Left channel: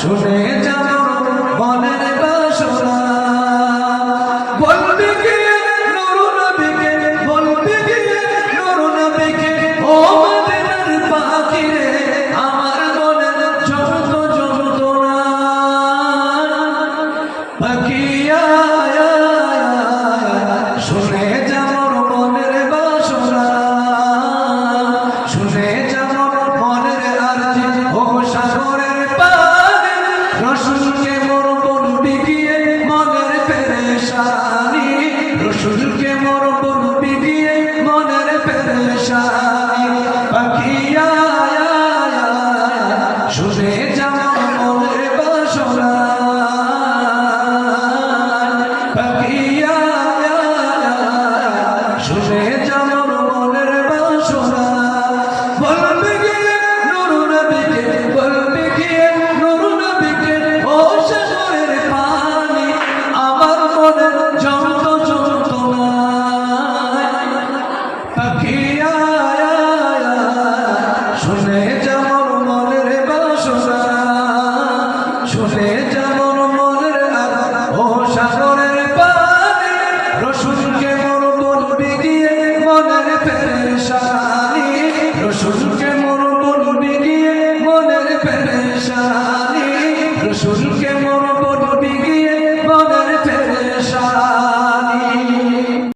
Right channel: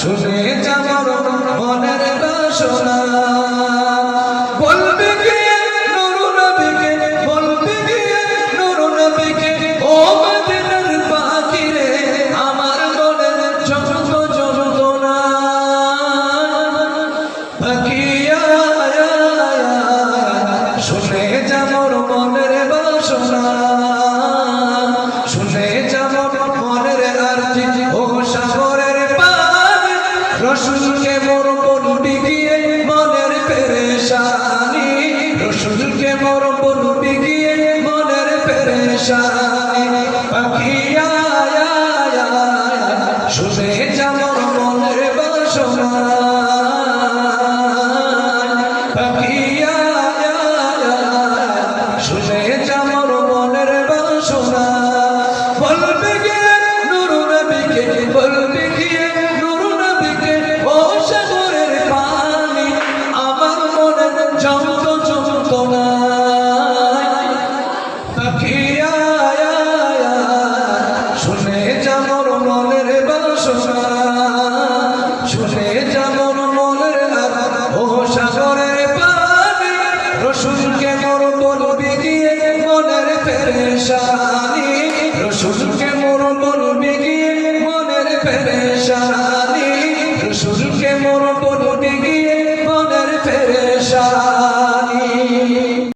শুনে যাবর মনের বাসনা। বলবে কে নুর নবীকে বলবে কে নুর নবীকে ও মদিনার পাখি রে আমার মনের যত যন্ত্রণা। পাখিয়া শুনে পেরেশানি। রসুলকে মোর বলবি গিয়ে মনের পেরেশানি। পাখিয়া শুনে যামর মনের বাসনা। শুনে যামর মনের বাসনা, শুনে যামর মনের আদর ও সাগরের পানি রসুনকে মোর বলবি গিয়ে মনের পেরেশানি রসুনকে মোর বলবি গিয়ে মনের পেরেশানি রসুনকে মোর বলবি গিয়ে মনের পেরে